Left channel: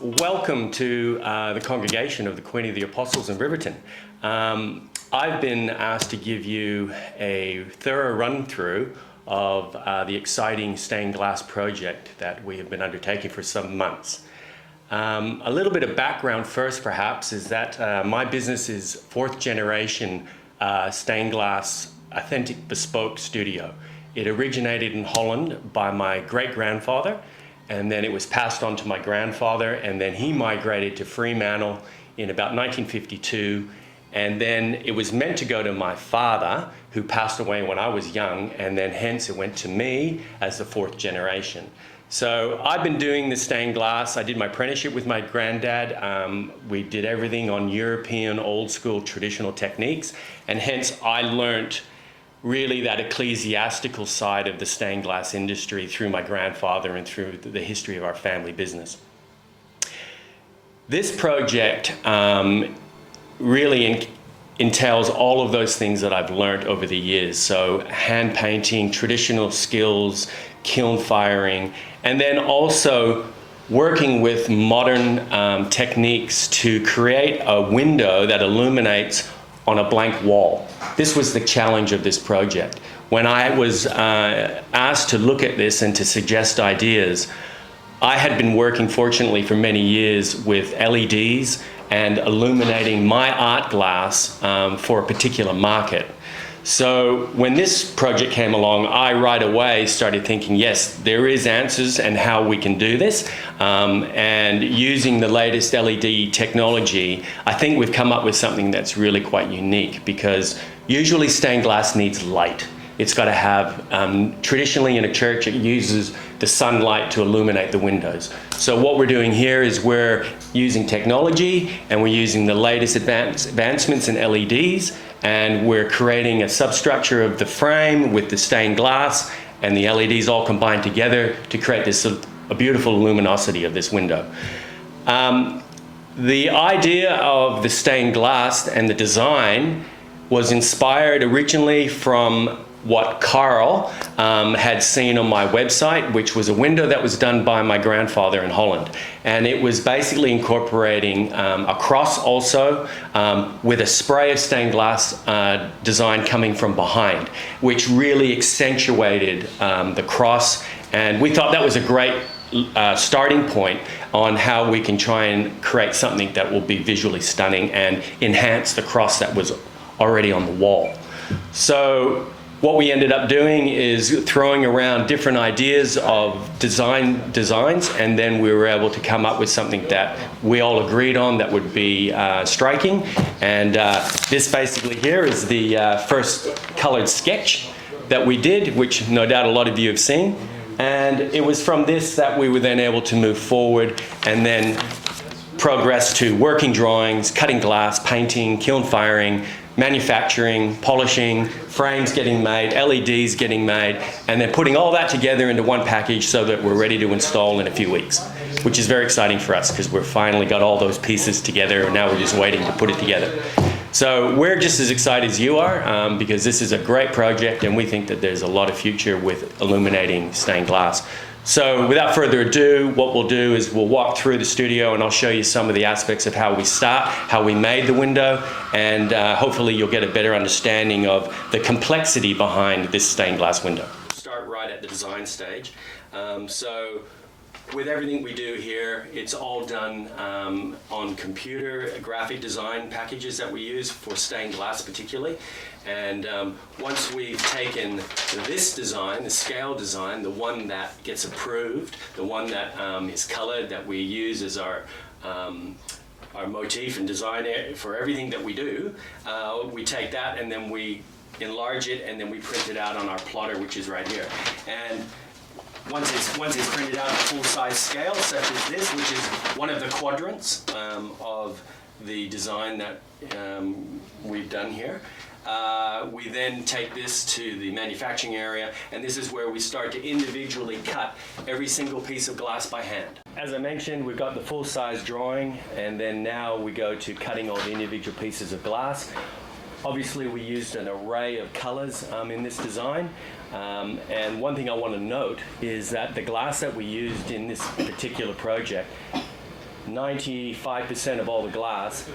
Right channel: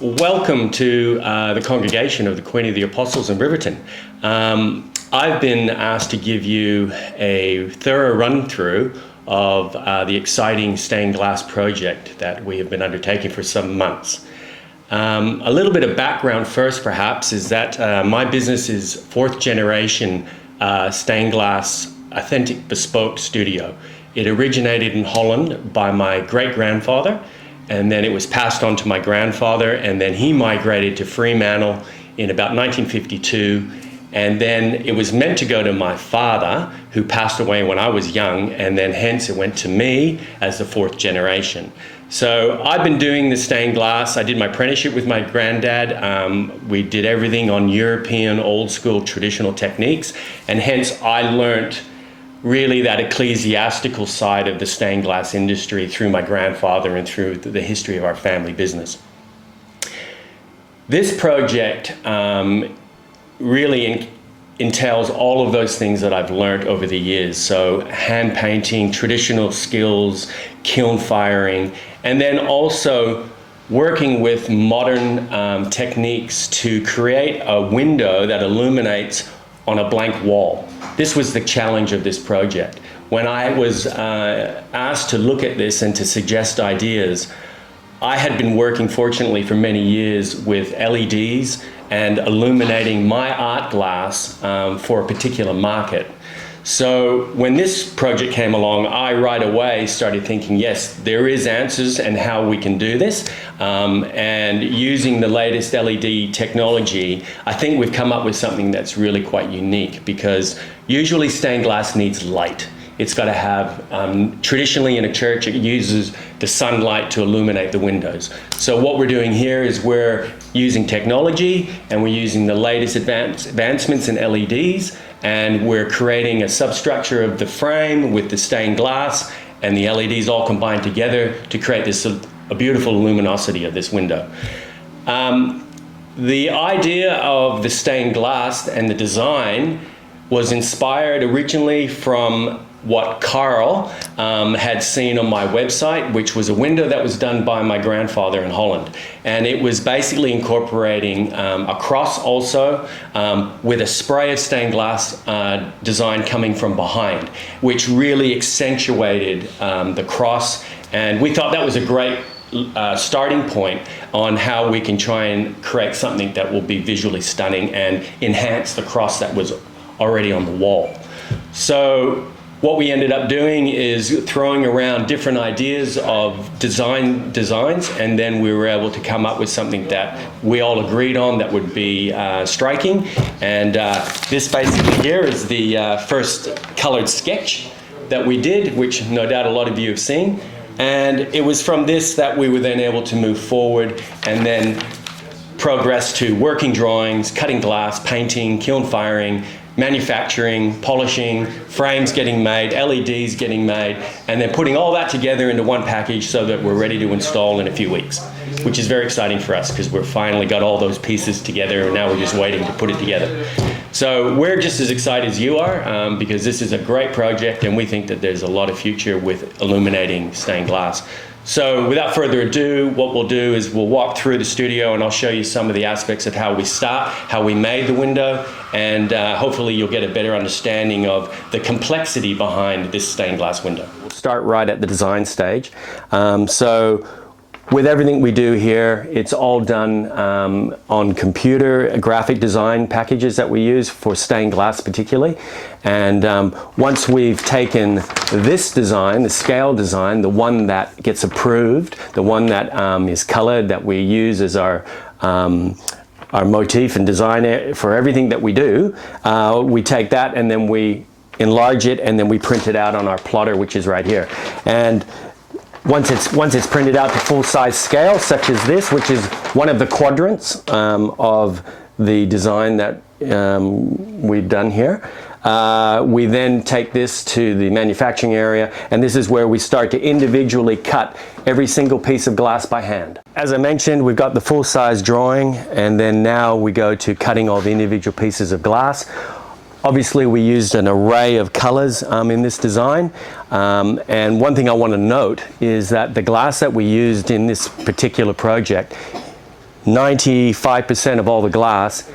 Welcome to the congregation of the Queen of the Apostles in Riverton. I've been asked to give you a thorough run-through of the exciting stained glass project that we have been undertaking for some months. A little bit of background first, perhaps, is that my business is fourth generation stained glass authentic bespoke studio. It originated in Holland by my great-grandfather, and then it was passed on to my grandfather, and then he migrated to Fremantle in about 1952, and then it was meant to go to my father, who passed away when I was young, and then hence it went to me as the fourth generation. So I've been doing the stained glass. I did my apprenticeship with my granddad. We did everything on European old school traditional techniques, and hence I learnt really that ecclesiastical side of the stained glass industry through my grandfather and through the history of our family business. This project really entails all of those things that I've learned over the years. So hand painting, traditional skills, kiln firing, and then also working with modern techniques to create a window that illuminates on a blank wall. This was the challenge of this project. When I was asked to look at this and to suggest ideas, I had been working, fortunately, for many years with LEDs and illuminating my art glass for a particular market. So when this project came along, I right away started thinking, yes, there is answers and how we can do this. And using the latest LED technology, I think we've come up with something that's really quite unique, because usually stained glass needs light. It's got to have, traditionally in a church, it uses the sunlight to illuminate the windows. So what we're doing here is we're using technology, and we're using the latest advancements in LEDs, and we're creating a substructure of the frame with the stained glass and the LEDs all combined together to create this a beautiful luminosity of this window. The idea of the stained glass and the design was inspired originally from what Carl had seen on my website, which was a window that was done by my grandfather in Holland. And it was basically incorporating a cross also with a spray of stained glass design coming from behind, which really accentuated the cross. And we thought that was a great starting point on how we can try and create something that will be visually stunning and enhance the cross that was already on the wall. So what we ended up doing is throwing around different ideas of designs, and then we were able to come up with something that we all agreed on that would be striking. And this basically here is the first colored sketch that we did, which no doubt a lot of you have seen. And it was from this that we were then able to move forward and then progress to working drawings, cutting glass, painting, kiln firing, manufacturing, polishing, frames getting made, LEDs getting made, and then putting all that together into one package so that we're ready to install in a few weeks, which is very exciting for us because we've finally got all those pieces together, and now we're just waiting to put it together. So we're just as excited as you are because this is a great project, and we think that there's a lot of future with illuminating stained glass. So without further ado, what we'll do is we'll walk through the studio, and I'll show you some of the aspects of how we start, how we made the window, and hopefully you'll get a better understanding of the complexity behind this stained glass window. We'll start right at the design stage. So with everything we do here, it's all done on computer graphic design packages that we use for stained glass particularly. And once we've taken this design, the scale design, the one that gets approved, the one that is colored, that we use as our motif and design for everything that we do, we take that and then we enlarge it, and then we print it out on our plotter, which is right here. And once it's printed out to full-size scale, such as this, which is one of the quadrants of the design that we've done here, we then take this to the manufacturing area, and this is where we start to individually cut every single piece of glass by hand. As I mentioned, we've got the full-size drawing, and then now we go to cutting all the individual pieces of glass. Obviously, we used an array of colors in this design. And one thing I want to note is that the glass that we used in this particular project 95% of all the glass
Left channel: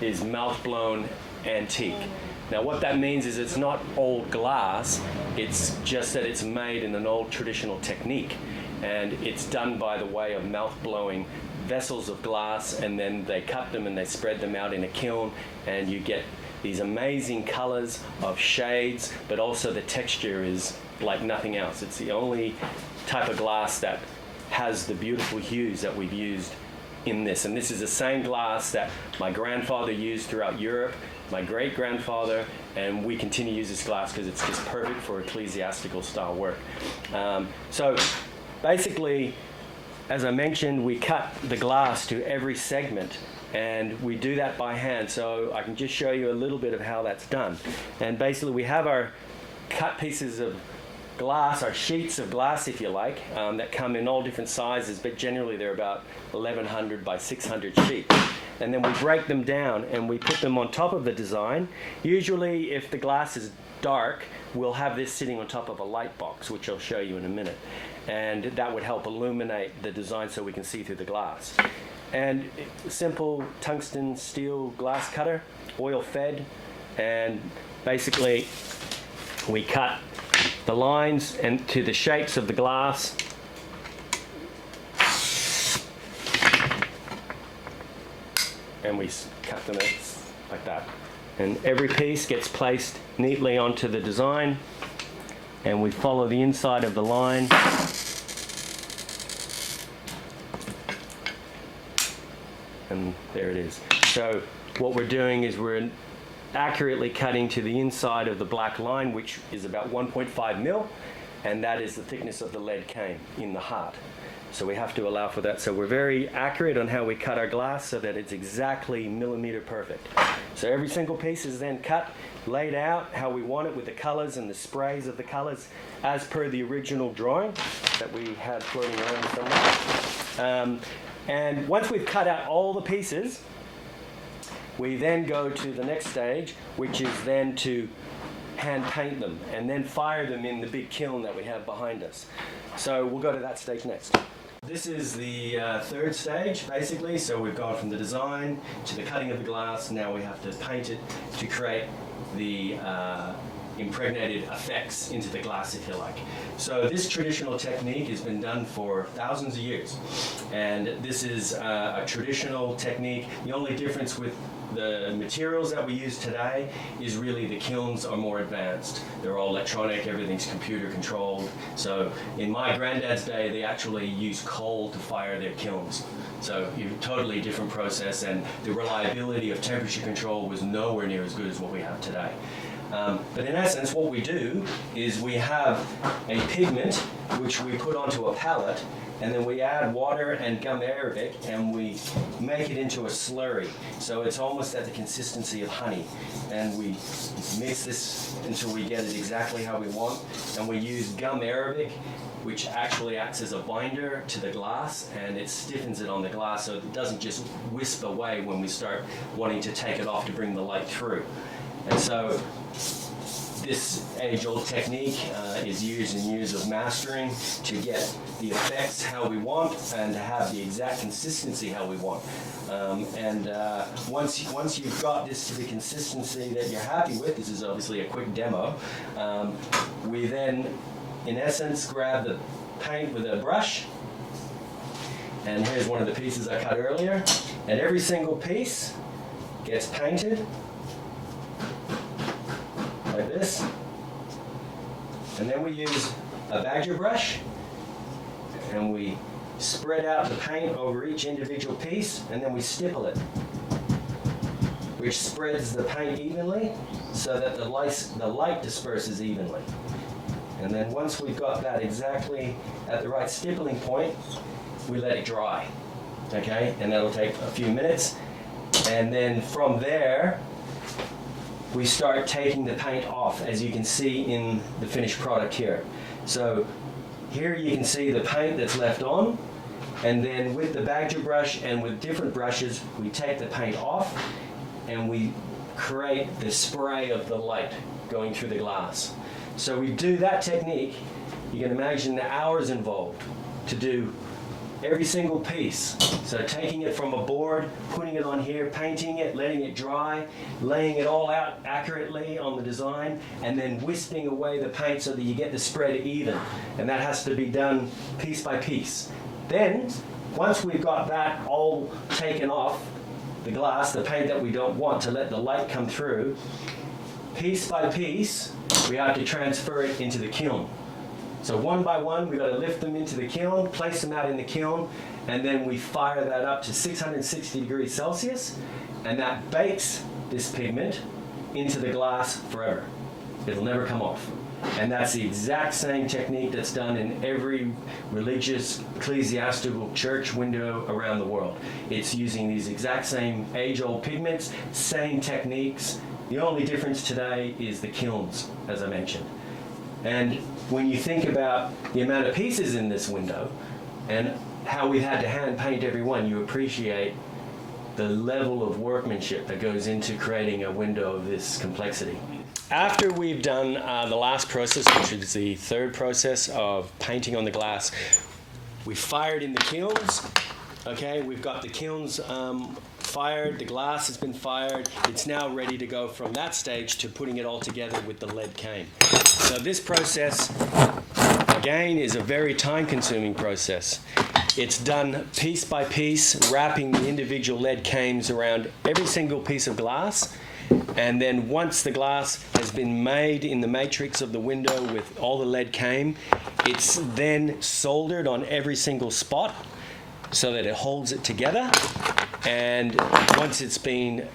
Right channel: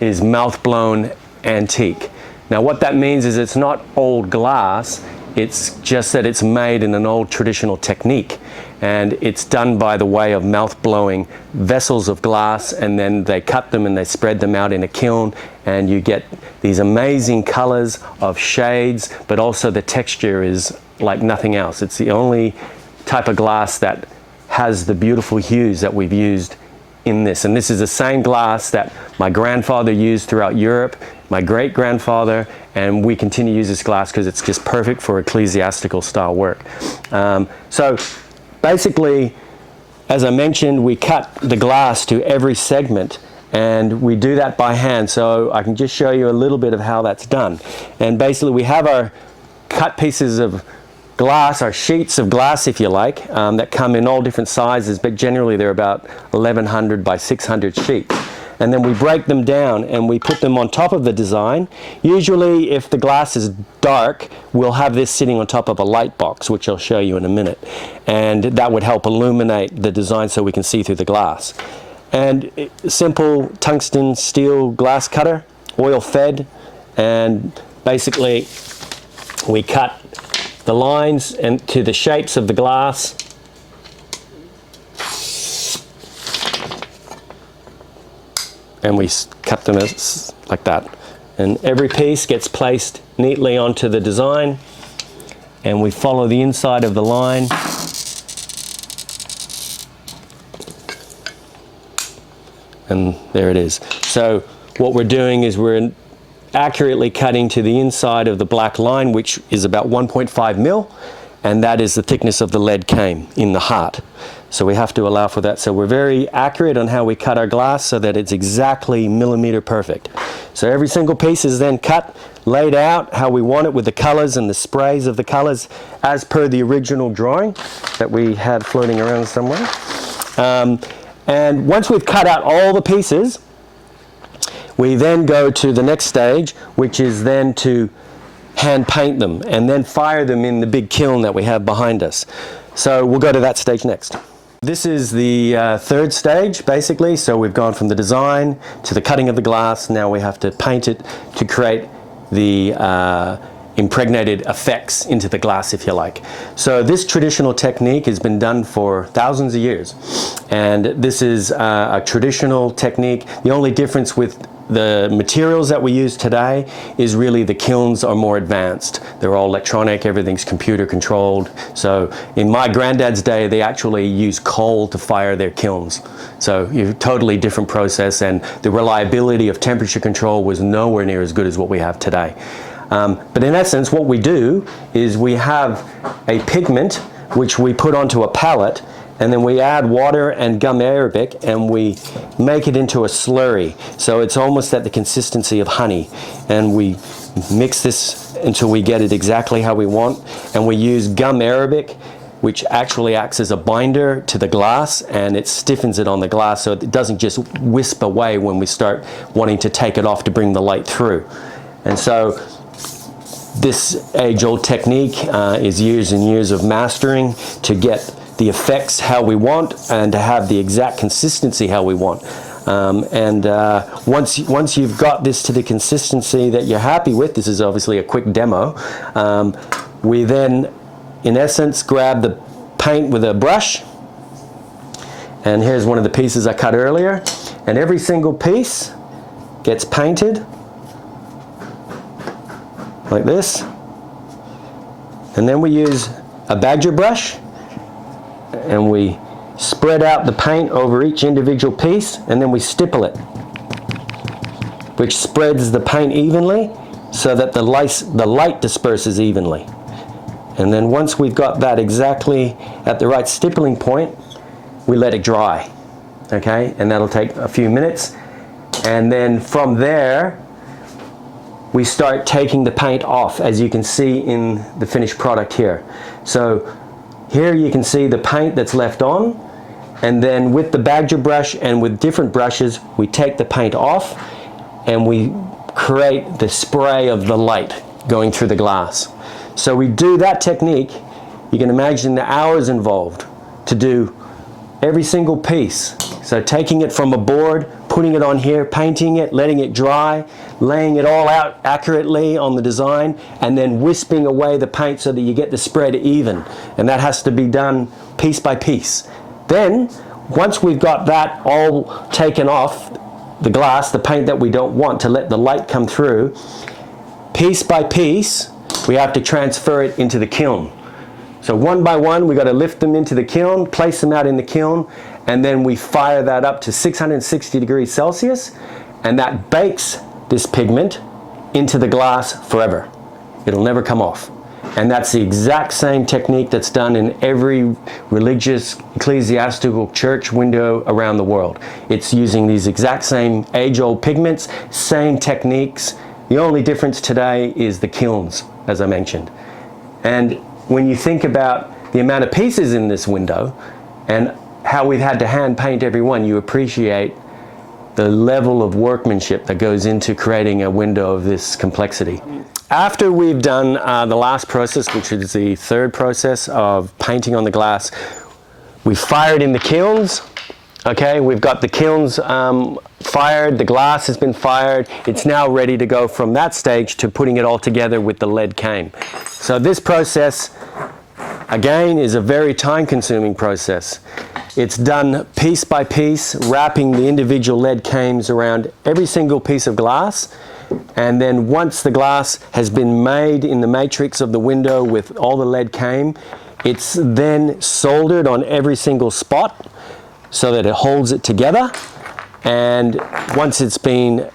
is mouth-blown antique. Now what that means is it's not old glass, it's just that it's made in an old traditional technique, and it's done by the way of mouth-blowing vessels of glass, and then they cut them and they spread them out in a kiln, and you get these amazing colors of shades, but also the texture is like nothing else. It's the only type of glass that has the beautiful hues that we've used in this. And this is the same glass that my grandfather used throughout Europe, my great-grandfather, and we continue to use this glass because it's just perfect for ecclesiastical style work. So basically, as I mentioned, we cut the glass to every segment, and we do that by hand. So I can just show you a little bit of how that's done. And basically we have our cut pieces of glass, our sheets of glass, if you like, that come in all different sizes, but generally they're about 1100 by 600 sheets. And then we break them down and we put them on top of the design. Usually, if the glass is dark, we'll have this sitting on top of a light box, which I'll show you in a minute. And that would help illuminate the design so we can see through the glass. And simple tungsten steel glass cutter, oil fed, and basically we cut the lines and to the shapes of the glass. And we cut them like that. And every piece gets placed neatly onto the design, and we follow the inside of the line. And there it is. So what we're doing is we're accurately cutting to the inside of the black line, which is about 1.5 mil, and that is the thickness of the lead cane in the heart. So we have to allow for that. So we're very accurate on how we cut our glass so that it's exactly millimeter perfect. So every single piece is then cut, laid out how we want it with the colors and the sprays of the colors as per the original drawing that we had floating around somewhere. And once we've cut out all the pieces, we then go to the next stage, which is then to hand paint them and then fire them in the big kiln that we have behind us. So we'll go to that stage next. This is the third stage, basically. So we've gone from the design to the cutting of the glass. Now we have to paint it to create the impregnated effects into the glass, if you like. So this traditional technique has been done for thousands of years. And this is a traditional technique. The only difference with the materials that we use today is really the kilns are more advanced. They're all electronic, everything's computer controlled. So in my granddad's day, they actually used coal to fire their kilns. So a totally different process, and the reliability of temperature control was nowhere near as good as what we have today. But in essence, what we do is we have a pigment which we put onto a palette, and then we add water and gum arabic and we make it into a slurry. So it's almost at the consistency of honey. And we mix this until we get it exactly how we want. And we use gum arabic, which actually acts as a binder to the glass, and it stiffens it on the glass so it doesn't just wisp away when we start wanting to take it off to bring the light through. And so this age-old technique is years and years of mastering to get the effects how we want and to have the exact consistency how we want. Once you've got this to the consistency that you're happy with, this is obviously a quick demo, we then in essence grab the paint with a brush, and here's one of the pieces I cut earlier, and every single piece gets painted like this, and then we use a badger brush and we spread out the paint over each individual piece, and then we stipple it, which spreads the paint evenly so that the light disperses evenly. And then once we've got that exactly at the right stippling point, we let it dry, okay? And that'll take a few minutes. And then from there, we start taking the paint off, as you can see in the finished product here. So here you can see the paint that's left on, and then with the badger brush and with different brushes, we take the paint off and we create the spray of the light going through the glass. So we do that technique. You can imagine the hours involved to do every single piece. So taking it from a board, putting it on here, painting it, letting it dry, laying it all out accurately on the design, and then wisping away the paint so that you get the spread even. And that has to be done piece by piece. Then, once we've got that all taken off, the glass, the paint that we don't want to let the light come through, piece by piece, we have to transfer it into the kiln. So one by one, we got to lift them into the kiln, place them out in the kiln, and then we fire that up to 660 degrees Celsius, and that bakes this pigment into the glass forever. It'll never come off. And that's the exact same technique that's done in every religious, ecclesiastical church window around the world. It's using these exact same age-old pigments, same techniques. The only difference today is the kilns, as I mentioned. And when you think about the amount of pieces in this window and how we've had to hand paint every one, you appreciate the level of workmanship that goes into creating a window of this complexity. After we've done the last process, which is the third process of painting on the glass, we fire it in the kilns. Okay, we've got the kilns fired, the glass has been fired. It's now ready to go from that stage to putting it all together with the lead cane. So this process, again, is a very time-consuming process. It's done piece by piece, wrapping the individual lead canes around every single piece of glass. And then once the glass has been made in the matrix of the window with all the lead cane, it's then soldered on every single spot so that it holds it together. And once it's been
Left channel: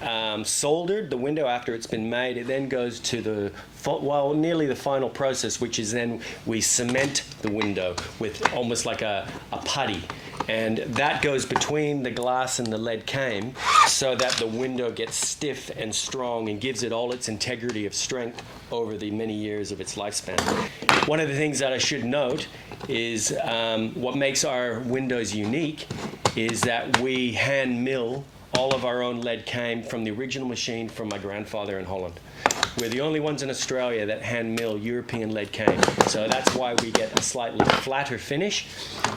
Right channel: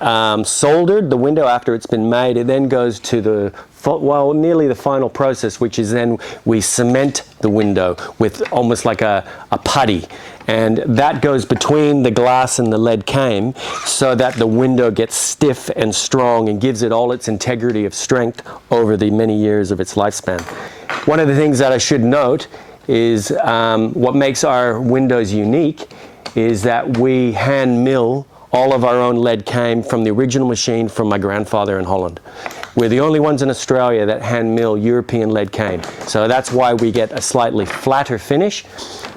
soldered, the window, after it's been made, it then goes to the, well, nearly the final process, which is then we cement the window with almost like a putty. And that goes between the glass and the lead cane so that the window gets stiff and strong and gives it all its integrity of strength over the many years of its lifespan. One of the things that I should note is what makes our windows unique is that we hand mill all of our own lead cane from the original machine from my grandfather in Holland. We're the only ones in Australia that hand mill European lead cane. So that's why we get a slightly flatter finish.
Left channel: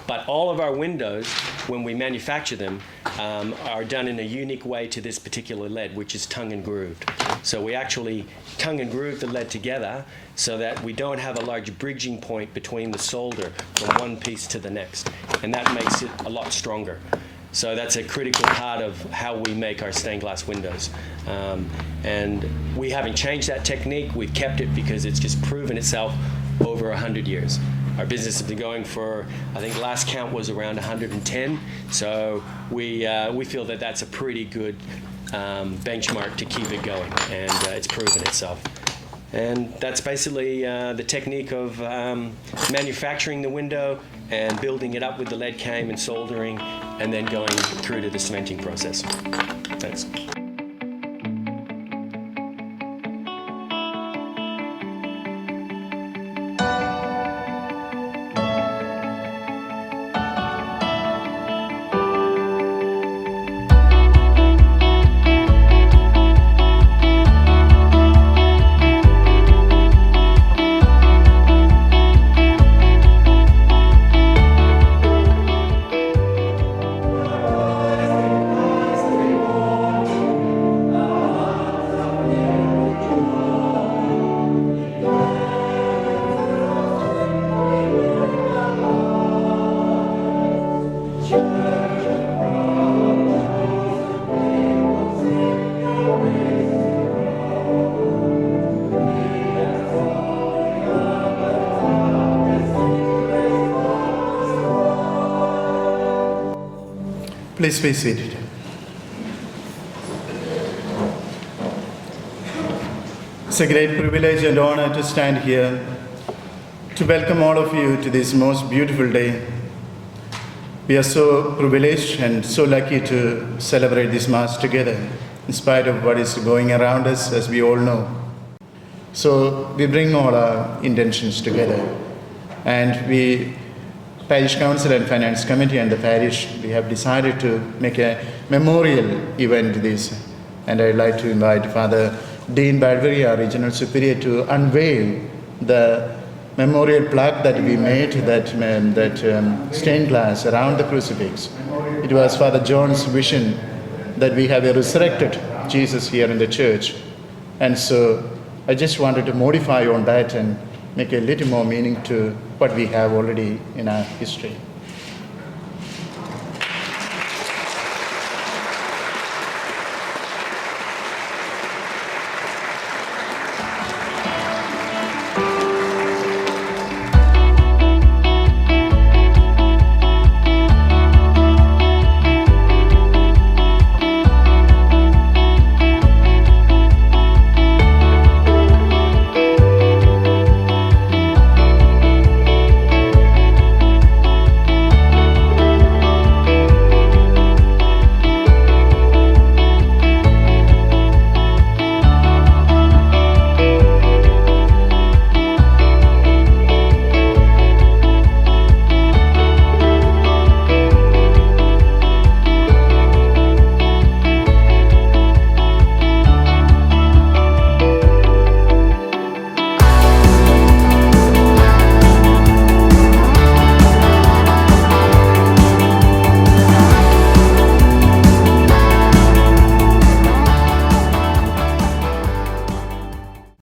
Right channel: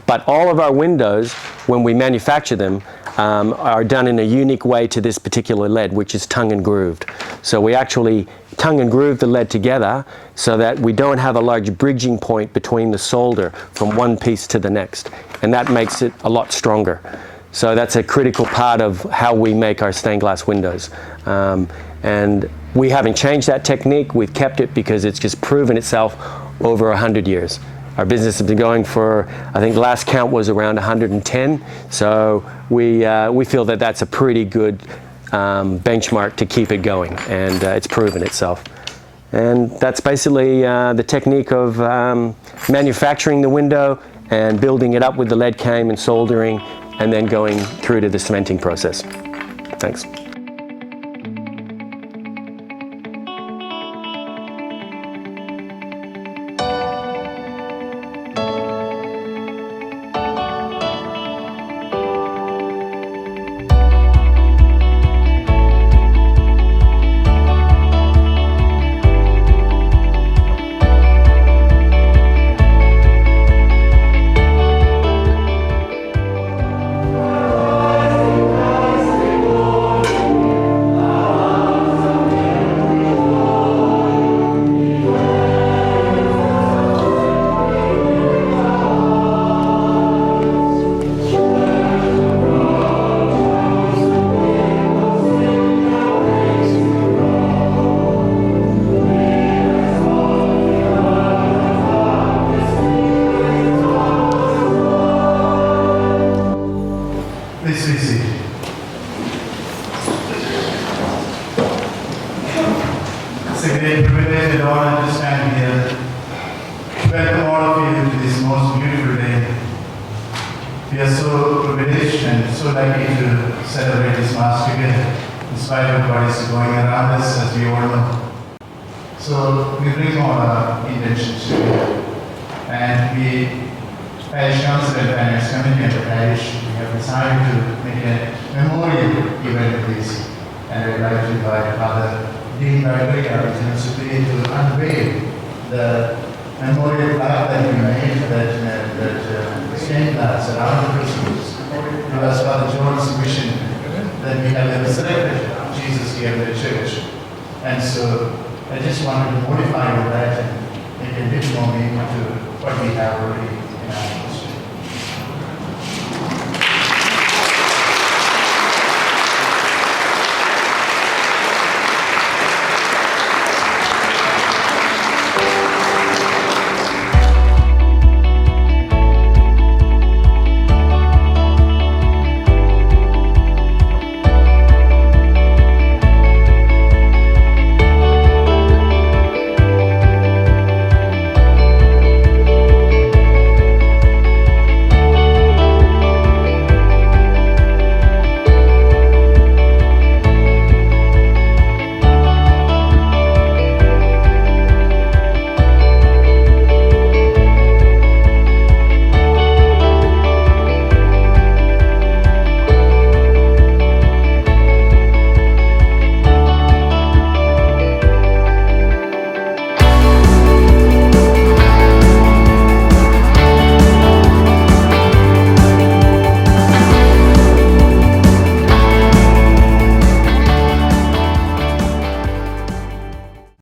But all of our windows, when we manufacture them, are done in a unique way to this particular lead, which is tongue and grooved. So we actually tongue and groove the lead together so that we don't have a large bridging point between the solder from one piece to the next. And that makes it a lot stronger. So that's a critical part of how we make our stained glass windows. And we haven't changed that technique. We've kept it because it's just proven itself over 100 years. Our business has been going for, I think last count was around 110. So we feel that that's a pretty good benchmark to keep it going, and it's proven itself. And that's basically the technique of manufacturing the window and building it up with the lead cane and soldering, and then going through to the cementing process. Thanks. Please be seated. It's a great privilege and honor to stand here to welcome all of you to this most beautiful day. We are so privileged and so lucky to celebrate this Mass together, in spite of what is going around us, as we all know. So we bring all our intentions together, and we, Parish Council and Finance Committee and the Parish, we have decided to make a memorial event to this. And I'd like to invite Father Dean Badgeri, our Regional Superior, to unveil the memorial plaque that we made, that stained glass around the crucifix. It was Father John's vision that we have a resurrected Jesus here in the church. And so I just wanted to modify on that and make a little more meaning to what we have already in our history.